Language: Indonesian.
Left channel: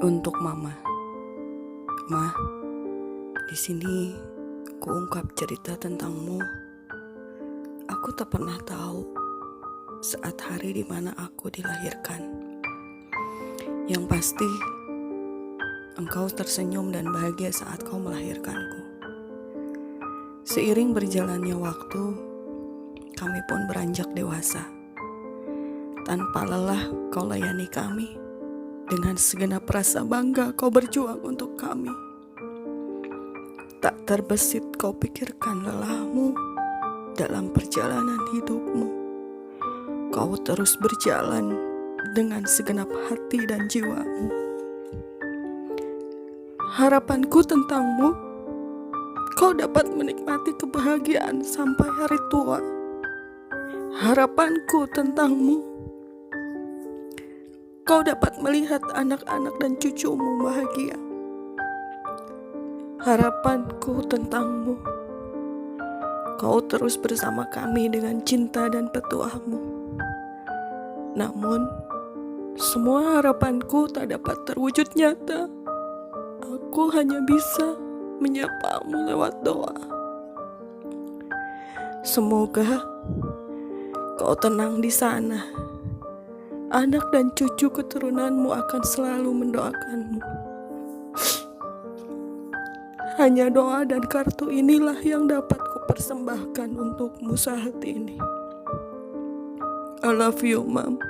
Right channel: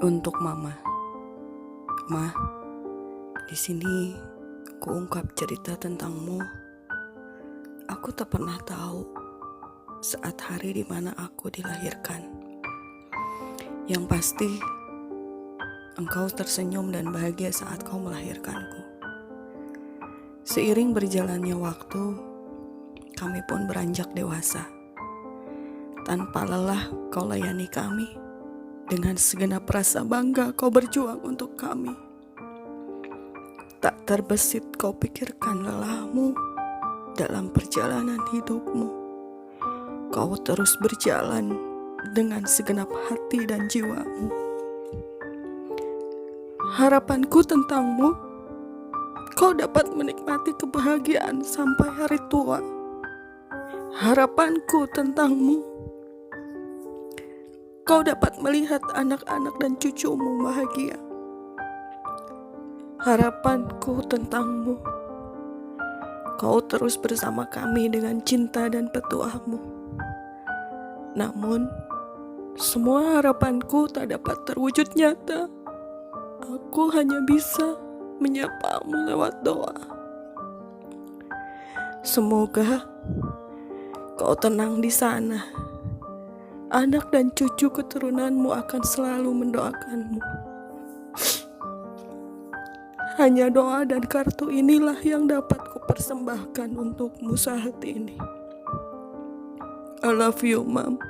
Untuk Mama. Ma, di sini kuungkap cerita tentangmu. Aku tak pernah tahu saat hari di mana aku dilahirkan. Yang pasti, engkau tersenyum dan bahagia saat kau melahirkanku. Seiring berjalannya waktu, kami pun beranjak dewasa. Tanpa lelah kau layani kami. Dengan segenap rasa bangga kau berjuang untuk kami. Tak terbesit kau pikirkan lelahmu dalam perjalanan hidupmu. Kau terus berjalan dengan segenap hati dan jiwamu. Harapanku tentangmu, kau dapat menikmati kebahagiaan sampai hari tua. Harapanku tentangmu, kau dapat melihat anak-anak dan cucumu bahagia. Harapanku tentangmu, kau terus bersama kami dengan cinta dan petuahmu. Namun, semua harapanku tak dapat terwujud nyata. Aku hanya bisa menyapamu lewat doa. Semoga kau tenang di sana. Anak dan cucu keturunanmu akan selalu mendoakanmu. Hanya doa dan kartu inilah yang dapat kupersembahkan untukmu saat ini. I love you, Mom.